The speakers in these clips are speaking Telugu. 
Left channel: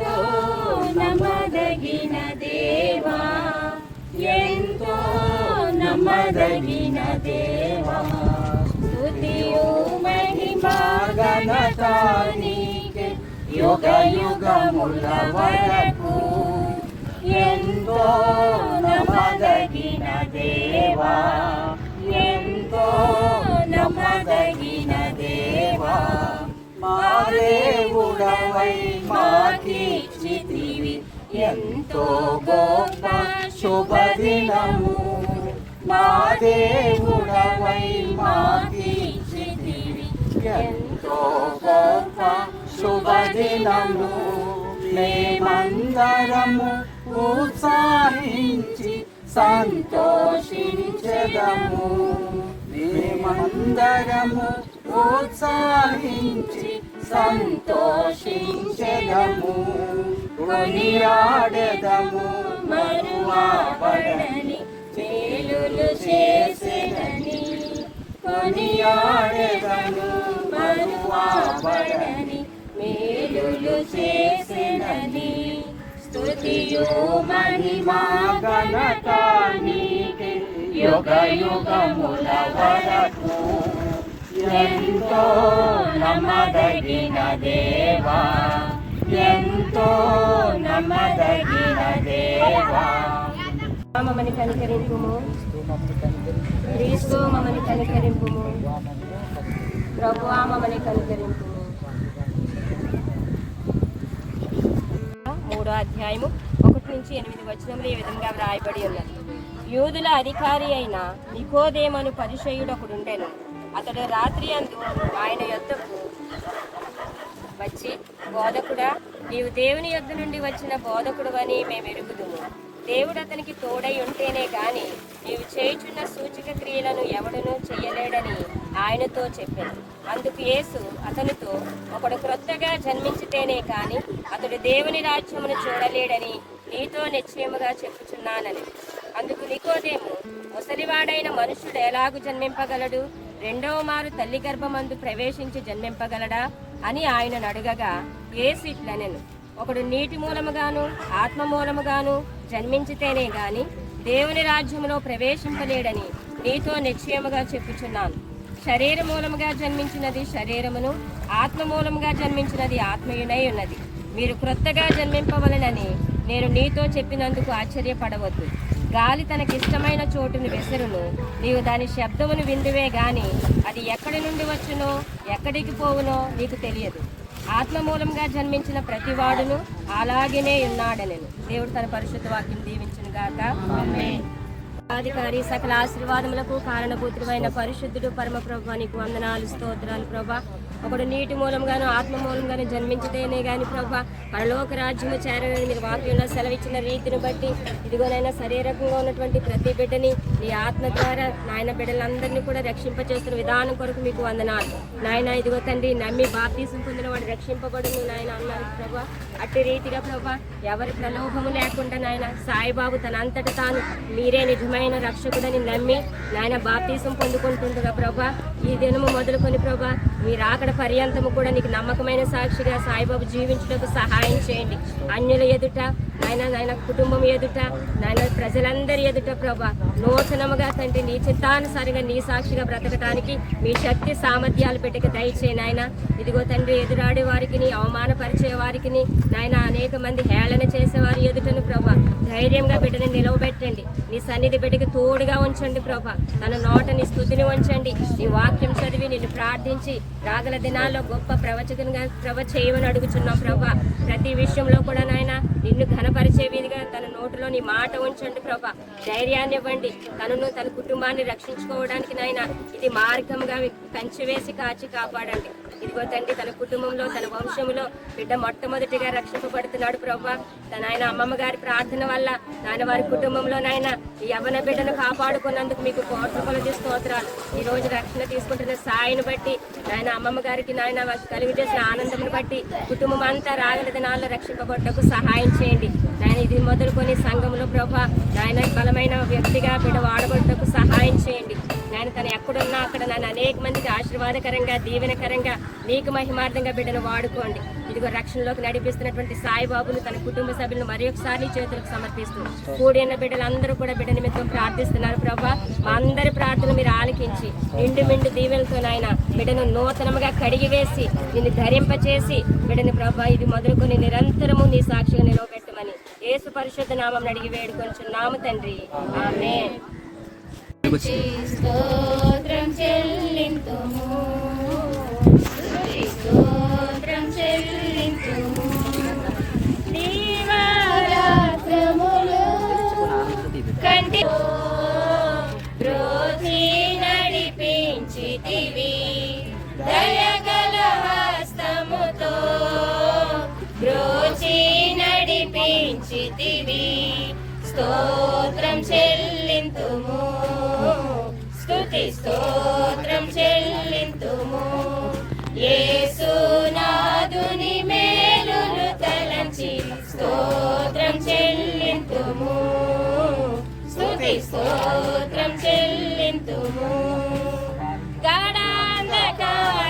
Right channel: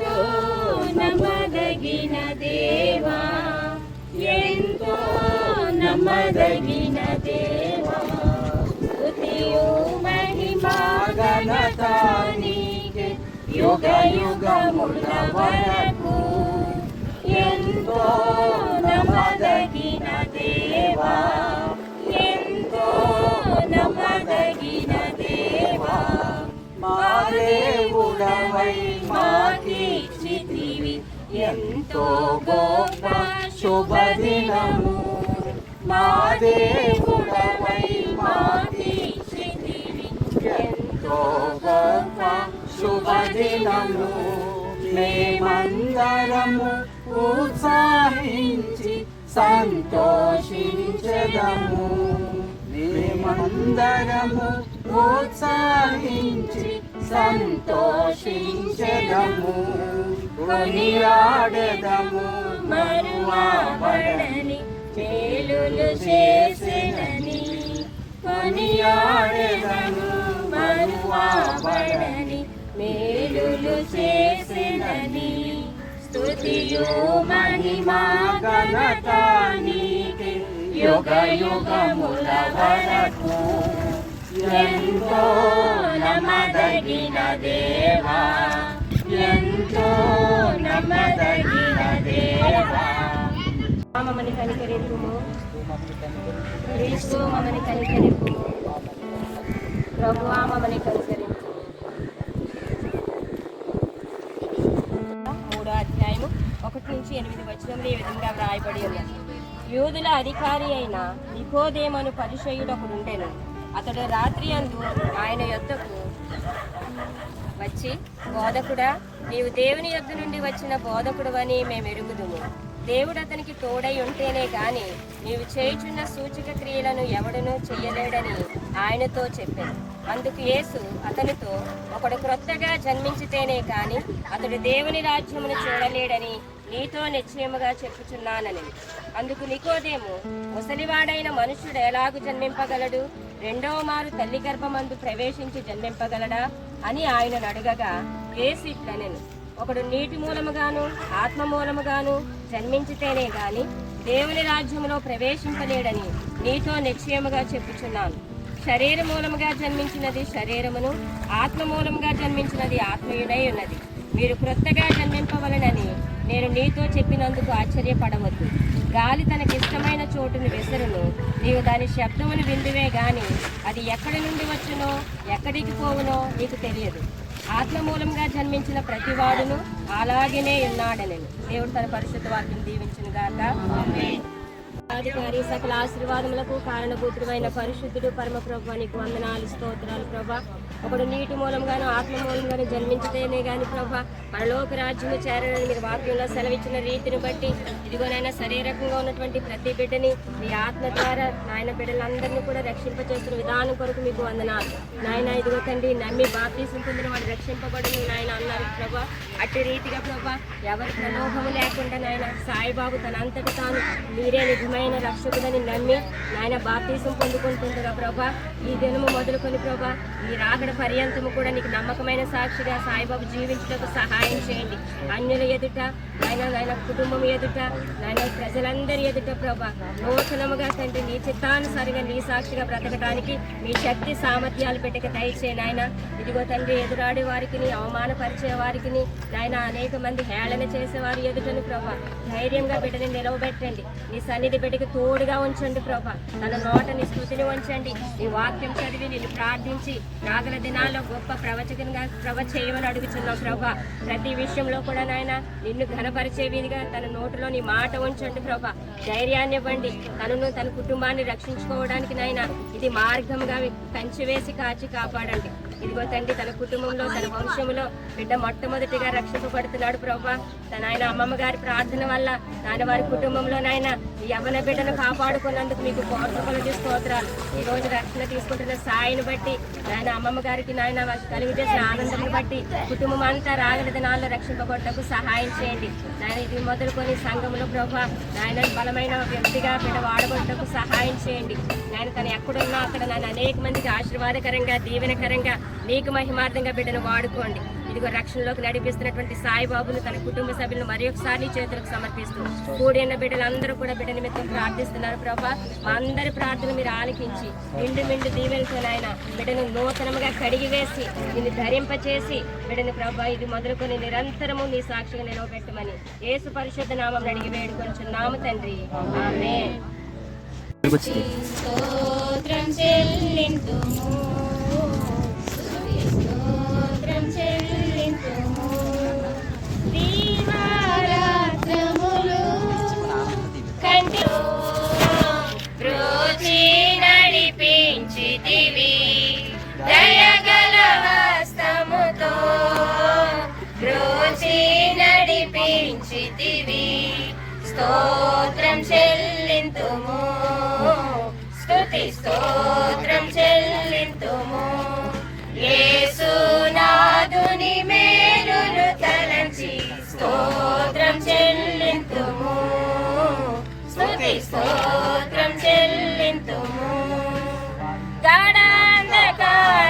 ఎంతో నమ్మదగిన దేవా, ఎంతో నమ్మదగిన దేవా. స్తుతియు మహిమా ఘనత నీకే యుగ యుగముల వరకు. ఎంతో నమ్మదగిన దేవా, ఎంతో నమ్మదగిన దేవా. మా దేవుడవై మాకిచ్చితివి ఎంతో గొప్ప శుభదినము. మా దేవుడవై మాకిచ్చితివి ఎంతో గొప్ప శుభదినము. మేమందరము ఉత్సాహించి సంతోషించెదము. మేమందరము ఉత్సాహించి సంతోషించెదము. కొనియాడెదము మరువబడని మేలులు చేసెనని. కొనియాడెదము మరువబడని మేలులు చేసెనని. స్తుతియు మహిమా ఘనత నీకే యుగ యుగముల వరకు. ఎంతో నమ్మదగిన దేవా, ఎంతో నమ్మదగిన దేవా. మమ్మల్ని కనికరింపుము, క్రీస్తు మమ్మల్ని కనికరింపుము, ప్రభువా మమ్మల్ని కనికరింపుము. 3వ అధ్యాయము 1-8 ఈ విధంగా వ్రాయబడి ఉన్నది. యూదుల అధికారి అయిన నికోదేమను పరిసయ్యుడు ఒకడుండెను. అతడు రాత్రి అందు ఆయన యొద్దకు వచ్చి, బోధకుడా, నీవు దేవుని యొద్ద నుండి వచ్చిన బోధకుడు అని మేము ఎరుగుదుము. దేవుడు అతనికి తోడై ఉంటేనే గాని నీవు చేయుచున్న సూచక క్రియలను ఎవడనూ చెయ్యలేడని ఆయనతో చెప్పాను. అందుకు యేసు అతనితో, ఒకడు క్రొత్తగా జన్మించితేనే కాని అతడు దేవుని రాజ్యమును చూడలేడని నీతో నిశ్చయముగా చెప్పుచున్నానని. అందుకు నికోదేము, ముసలివాడైన మనుషుడు ఎలాగు జన్మింపగలడు? రెండవ మారు తల్లి గర్భమందు ప్రవేశించి జన్మింపగలడా అని ఆయనను అడగగా యేసు ఇట్లనెను, ఒకడు నీటి మూలముగాను ఆత్మ మూలముగాను జన్మించితేనే గాని దేవుని రాజ్యములో ప్రవేశింపలేడని నీతో నిశ్చయముగా చెప్పుచున్నాను. శరీర మూలముగా జన్మించినది శరీరమును, ఆత్మ మూలముగా జన్మించినది ఆత్మయునై ఉన్నది. మీరు క్రొత్తగా జన్మింపవలనని నేను నీతో చెప్పినందుకు ఆశ్చర్యపడవద్దు. గాలి తనకిష్టమైన చోటును విసరును, నీవు దాని శబ్దమును విందువే గాని అది ఎక్కడి నుండి వచ్చునో ఎక్కడికి పోవునో నీకు తెలియదు. ఆత్మ మూలంగా జన్మించిన ప్రతివాడును అలాగనే ఉన్నాడనెను. దేవుడు తన పరిశుద్ధ వాక్యం దీవించును గాక. ఆమేన్. అధికారి సకల ఆశీర్వాదములకు కారణభూతుడైన పరిశుద్ధుడు పరమ ప్రభువా, నీకు వందనాలు, స్తోత్రాలు ప్రభా. ఒకడు నీటి మూలంగాను ఆత్మ మూలంగాను జన్మించితేనే గాని ప్రభా పరలోక రాజ్యము చేరని మీరు వాక్యంలో సెలవిచ్చిన రీతిని బట్టి ఇదిగోనైనా శరీరకంగా ఉన్నటువంటి ప్రతి బిడ్డని నీ ఆత్మ ద్వారా నాయన బిడ్డలందరినీ కూడా రక్షింపచేస్తున్న విధానం కొరకు మీకు వందనాలు నాయన. ఇదిగో తండ్రి, నమ్మి బాప్తీసం పొందిన వాడు రక్షింపబడును నాయన అన్నారు ప్రభా. అట్టి రీతిగా ప్రభా ఎవరి ప్రలోభము లేకుండా నాయన సాయిబాబు తన అంతటి తాను మీరే నిజమైన రక్షకుడని నమ్మి నాయన బాప్తీసం పొందుకుంటుండగా ప్రభా ఈ దినము మొదలుకొని ప్రభా మీ రాకడ పర్యంతము కూడా నీకు నమ్మకమైన సాక్షిగా సాయిబాబు జీవించడానికి సహాయం చేయండి. అన్యుల ఎదుట నాయన కుటుంబం ఎదుట నాయన ప్రజలందరి ఎదుట ప్రభా నూతనముగా తండ్రి నీ చిత్తానుసారిగా నీ సాక్షిగా బ్రతకడానికి మీ శక్తి సామర్థ్యాలు పెట్టక దయచే నాయన. ఇదిగో తండ్రి, ఎదురాడే వారికి అవమానపరిచే వారికి నాయన అనేక మంది హేళన చేసేవారి ఎదుటను ప్రభా ధైర్యంగా బిడ్డని నిలవబెట్టండి. నీ సన్నిధి బిడ్డకి తోడుగా ఉంచండి ప్రభా. తన నోట నీ స్తుతిని ఉంచండి. నీ వాక్యం చదివి నిన్ను ప్రార్థించి రాగల దినాల్లో గొప్ప ప్రవచకంగా చేయమని అడుగుచున్నాం ప్రభా. ప్రతి విషయంలో కూడా నాయన నిన్ను ఘనపరిచే వీధిగా తన నోటిలో నీ మాట ఉంచండి ప్రభా. ధైర్యాన్ని ఇవ్వండి. తనను తన కుటుంబాన్ని రక్షించుకోవడానికి నాయన ఇది మార్గంగా కంచి వేసి కాచి కాపాడండి. ఇదిగో తండ్రి, తన కుటుంబంలో తన వంశంలో బిడ్డ మొట్టమొదటిగా రక్షింపబడుతున్నాడు ప్రభా. తన ఆయన అమ్మమ్మ గారి ప్రార్థన వల్ల నాయన వారి కుటుంబంలో నాయన ఈ యవ్వన బిడ్డను కాపాడుకున్నందుకు మీకు కోట్ల స్తోత్రాలు. ఈ రోజు రక్షణ తీసుకుంటున్న సాయిని బట్టి నాయన అమ్మమ్మ గారికి నాయన కలిగి చేసిన ఆనందం బట్టి కుటుంబం అంతా రాగల దినాల్లో రక్షింపబడ్డకు సహాయం చేయండి నాయన. ఇది మొదలుకొని సంఘంలో ప్రభా నాయన బలమైన వ్యక్తిగా బిడ్డ వాడబడ్డకు సహాయం చేయండి. నాయన తను ఎక్కడున్నా అక్కడ నన్ను అనేక మందికి ఆశీర్వాదకరంగా దీవెనకరంగా మీకు మహిమార్థంగా బిడ్డను వాడుకోండి. ఇదిగో రక్షణలోకి నడిపిస్తున్నటువంటి సాయిబాబును తన కుటుంబ సభ్యులను మరి ఒకసారి చేతులకు సమర్పిస్తూ కూడి ఉన్న బిడ్డలందరూ కూడా బిడ్డ నిమిత్తం ప్రార్థిస్తున్నారు ప్రభా. మా అందరి ప్రార్థన మీరు ఆలకించి నిండు దీవెనతో నాయన బిడ్డను నూతనముగా కడిగి వేసి నిన్ను ధరింపచేసి బిడ్డను ప్రభా ఇది మొదలుకొని నిరంతరము నీ సాక్షిగా నిలవబెట్టమని యేసు పరిశుద్ధ నామం అడిగి వేడుకొంచున్నాము తండ్రి, ఆమేన్. స్తోత్రం చెల్లింతుము, స్తోత్రం చెల్లింతుము, దీవారాత్రములు కంటిలో బ్రోచి నడిపించితివి, దయగల హస్తముతో బ్రోచి నడిపించితివి. స్తోత్రం చెల్లింతుము, స్తుతి స్తోత్రం చెల్లింతుము, యేసునాథుని మేలులు తలంచి స్తోత్రం చెల్లింతుము, స్తుతి స్తోత్రం చెల్లింతుము. గడాంధకారములో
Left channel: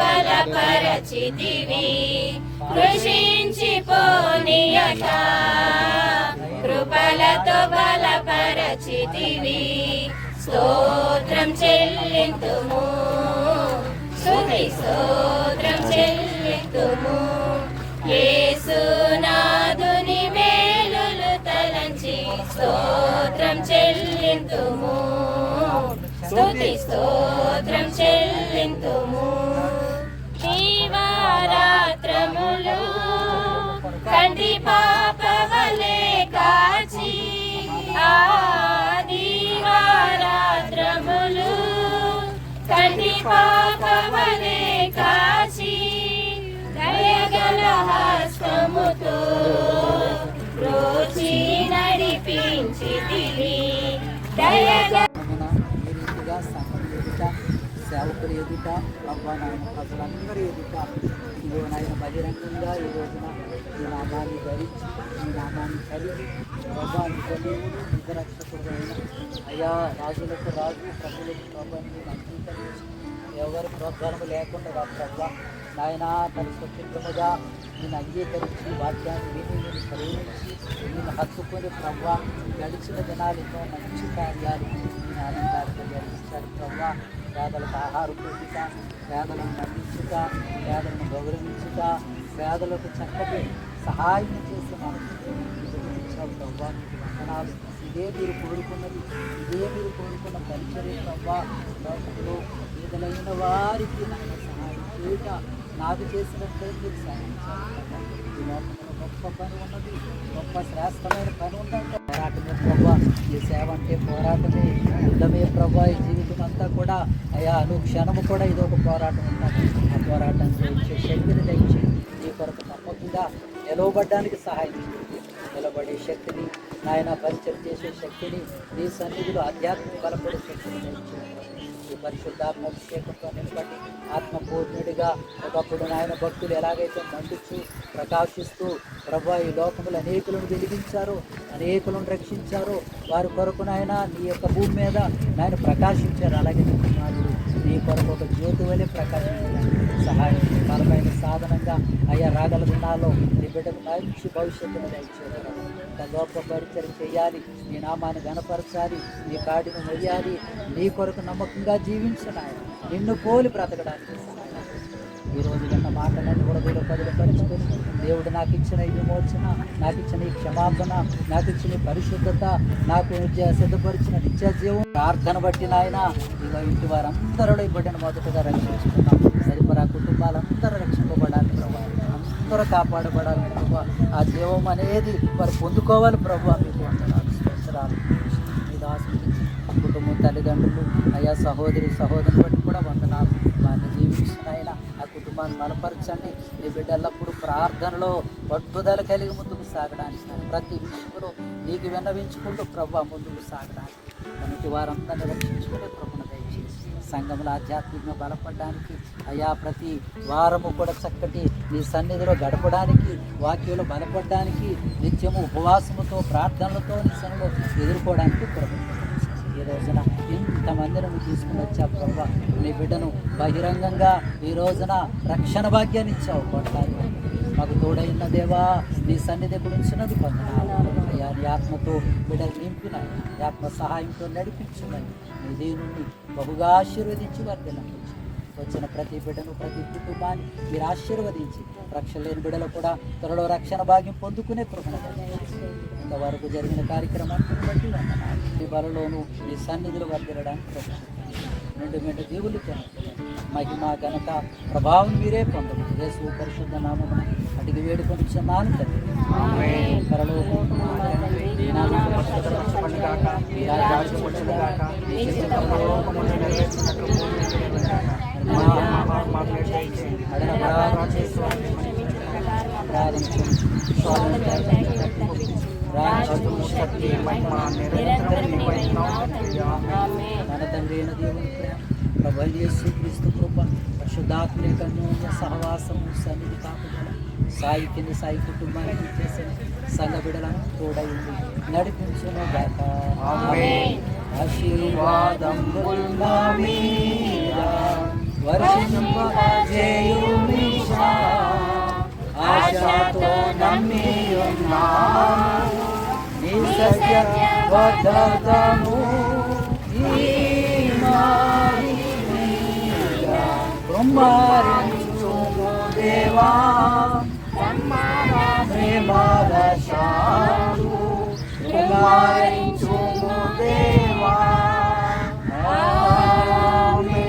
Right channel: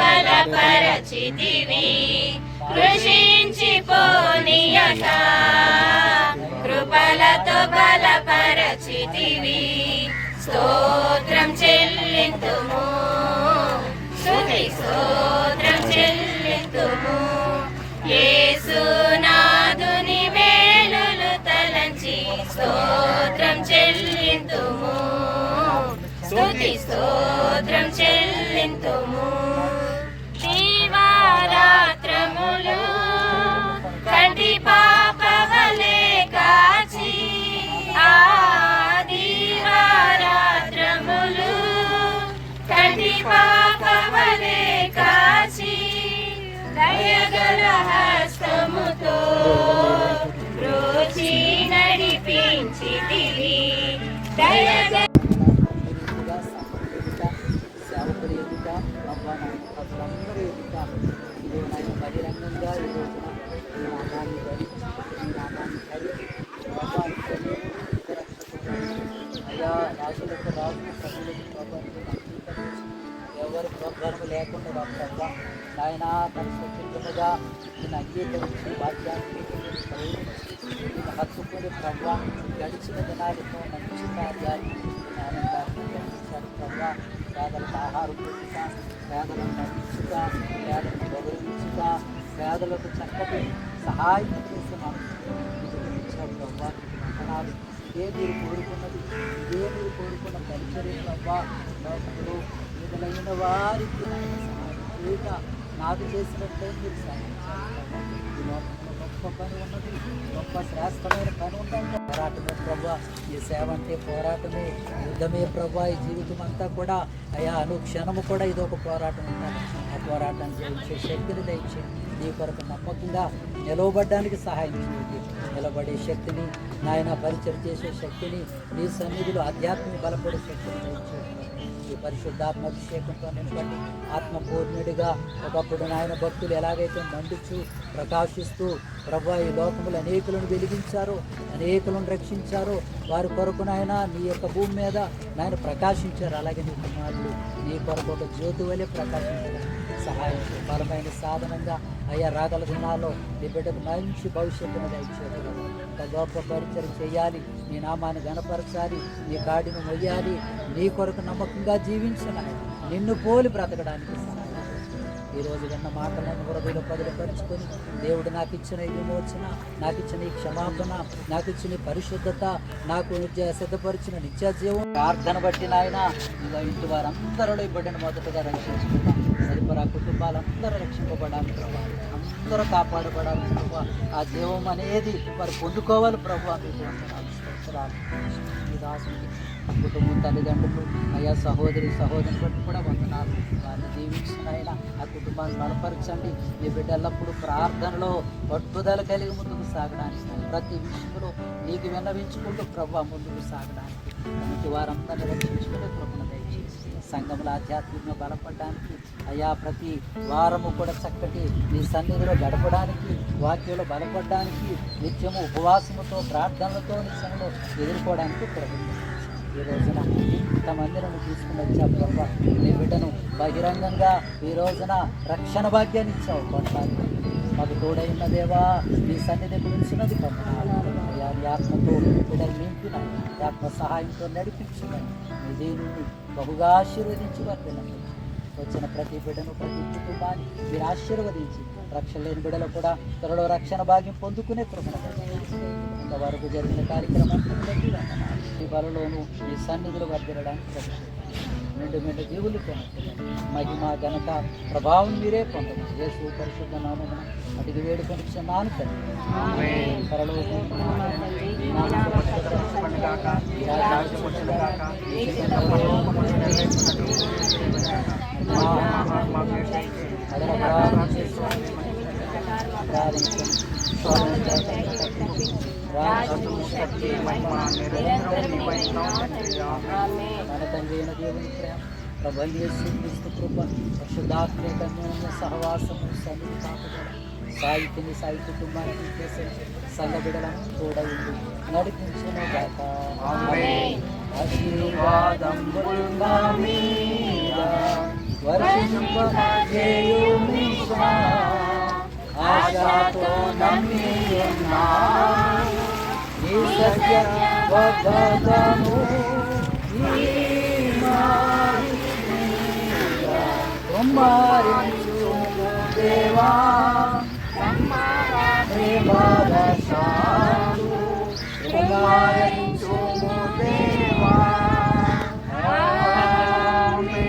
బలపరచితివి, కృషించిపోనీయక కృపలతో బలపరచితివి. స్తోత్రం చెల్లింతుము, స్తుతి స్తోత్రం చెల్లింతుము, యేసునాథుని మేలులు తలంచి స్తోత్రం చెల్లింతుము, స్తుతి స్తోత్రం చెల్లింతుము. దీవారాత్రములు కంటి పాపవలే కాచి, ఆ దీవారాత్రములు కంటి పాపవలే కాచి, దయగల హస్తముతో బ్రోచి నడిపించితివి, దయగల సేవకులు ఎదుట ప్రభా నాయన ప్రజలందరూ ఎదుట ఇదిగో నాయన బహిరంగంగా ఈ రోజున ఈ నామాన్ని ధరించి ఈ నామాన్ని కలిగి ప్రభా నిజదేవుడు నిజరక్షకుడు అయ్యా రాజులకు రాజు ప్రభులకు ప్రభాని అంగీకరించి ఎవరి ప్రోద్ధానం లేకుండా ప్రభా నాయన తన స్వతంత్రముగా నేను అంగీకరించి వాక్యాన్ని విని నేను ప్రేమించి నేను హత్తుకొని ప్రభా గడిచిన దినాలతో మంచి కార్యాలు నేను ఆనందాన్ని గడిచారు ప్రభా. పేదలకు ఆహారం పెట్టుట, పేదలను నడిపించుట, పేదలను గౌరవించుట, పేదలకు చక్కటి సహాయం చేసే మనసు ప్రభా వందనాలు. ఇదే మీరు కోరుకున్నది, ఇదే మీరు కోరుకున్న పరిచర్య ప్రభా. లోకంలో పేదలైన వారికి నాకు సహాయం చేయుట, నాకు చేసినట్లే మీరు సాధించాలి ప్రభా. ఈ లోకంలో గొప్ప పని ఉన్నది, గొప్ప శ్రేష్టమైన పని ఉందంటే పోరాటమే ప్రభా. ఈ సేవ అంటే పోరాటమే, యుద్ధమే ప్రభా. ఈ జీవితం అంతా కూడా అయ్యా అనుక్షణము కూడా ఇది ఒక పోరాటం ఉంటుంది. ఆ పోరాటం చేయించే శక్తిని దయచేయండి. నీ కొరకు నమ్మకంగా నిలవబడ్డానికి సహాయం చేయండి. నిలబడే శక్తిని నాయన పరిచయం చేసే శక్తిని నీ సన్నిధిలో ఆధ్యాత్మిక బలపడే శక్తిని దయచేయండి. ఈ పరిశుద్ధాత్మ అభిషేకంతో నిలబడి ఆత్మపూర్ణుడిగా ఒకప్పుడు నాయన భక్తులు ఎలాగైతే మండుచు ప్రకాశిస్తూ ప్రభా ఈ లోకములు అనేకులను వెలిగించారో, అనేకులను రక్షించారో, వారి కొరకు నాయన నీ యొక్క భూమి మీద నాయన ప్రకాశించారు. అలాగే నీ కుమారుడు నీ కొరకు ఒక జ్యోతి వలె ప్రకాశించారు. సహాయం బలమైన సాధనంగా అయ్యా రాగల దినాల్లో నీ బిడ్డకు మంచి భవిష్యత్తును దయచేయడం, గొప్ప పరిచయం చేయాలి, నీ నామాన్ని గణపరచాలి, నీ కాడిని మొయ్యాలి, నీ కొరకు నమ్మకంగా జీవించాలి, నిన్ను పోలి బ్రతకడానికి సహాయం. ఈరోజు విన్న మాటలన్నీ హృదయంలో పదిలపరుచుకొని దేవుడు నాకు ఇచ్చిన ఈ విమోచన, నాకు ఇచ్చిన ఈ క్షమాపణ, నాకు ఇచ్చిన ఈ పరిశుద్ధత, నాకు సిద్ధపరిచిన నిత్య జీవం ప్రార్థన బట్టి నాయన ఇలా ఇంటి వారందరూ బిడ్డను మొదటగా రక్షించుకున్నాం. సరిపరా కుటుంబాలందరూ రక్షింపబడాలి ప్రభావ, అందరూ కాపాడబడాలి ప్రభావ. ఆ జీవం అనేది వారు పొందుకోవాలి ప్రభావ. మీకు వందనాలు. విశ్వాసం కుటుంబం తల్లిదండ్రులు అయ్యా సహోదరులు బట్టి కూడా వందనాలు. వారిని దీవించిన ఆయన ఆ కుటుంబాన్ని బలపరచండి. నీ బిడ్డ ఎల్లప్పుడూ ప్రార్థనలో పట్టుదల కలిగి ముందుకు సాగడానికి ప్రతి విషయంలో నీకు విన్నవించుకుంటూ ప్రభు ముందుకు సాగడానికి మనకి వారందరినీ రక్షించుకునే కృపను దయచేసి సంఘంలో ఆధ్యాత్మికంగా బలపడడానికి అయ్యా ప్రతి వారము కూడా చక్కటి నీ సన్నిధిలో గడపడానికి వాక్యంలో బలపడడానికి నిత్యము ఉపవాసముతో ప్రార్థనలతో నీ సన్నిధిలో ఎదుర్కోవడానికి కృపను ఈ రోజున ఇంతమందిని నువ్వు తీసుకుని వచ్చావు ప్రభా. నీ బిడ్డను బహిరంగంగా ఈ రోజున రక్షణ భాగ్యాన్ని ఇచ్చావు. కొట్లాడి మాకు తోడైన దేవా నీ సన్నిధి గురించినది పొందనాలు అయ్యా. నీ ఆత్మతో బిడ్డలు నింపిన నీ ఆత్మ సహాయంతో నడిపించమని నీ దేవుని బహుగా ఆశీర్వదించి వర్గండి. వచ్చిన ప్రతి బిడ్డను ప్రతి కుటుంబాన్ని మీరు ఆశీర్వదించి రక్షణ లేని బిడ్డలు కూడా త్వరలో రక్షణ భాగ్యం పొందుకునే కృపణ ఇంతవరకు జరిగిన కార్యక్రమాన్ని బట్టి వందనాలు. ఈ బలలోనూ మీ సన్నిధులు వర్దిరడానికి నిండు మెండు జీవులతో మహిమ ఘనత ప్రభావం మీరే పొందమని యేసు పరిశుద్ధ నామమున అడిగి వేడుకొని క్షమాను మన తండ్రి అయిన దేవుని ప్రేమ ప్రభు యేసు క్రీస్తు కృప పరిశుద్ధాత్మ కన్యోన్య సహవాసము సన్నిధి కాపుదల సాయి కుటుంబానికి చేసిన సల్లబిడలను తోడైంది నడిపించును గాక. ఆశీర్వాదం వర్షింపజేయుమిషా ఆశతో నమ్మి ఉన్నాము నీ సత్య వదతము కుమారించు దేవా ప్రేమవశాలు కుమారించు దేవా. ఆమేన్.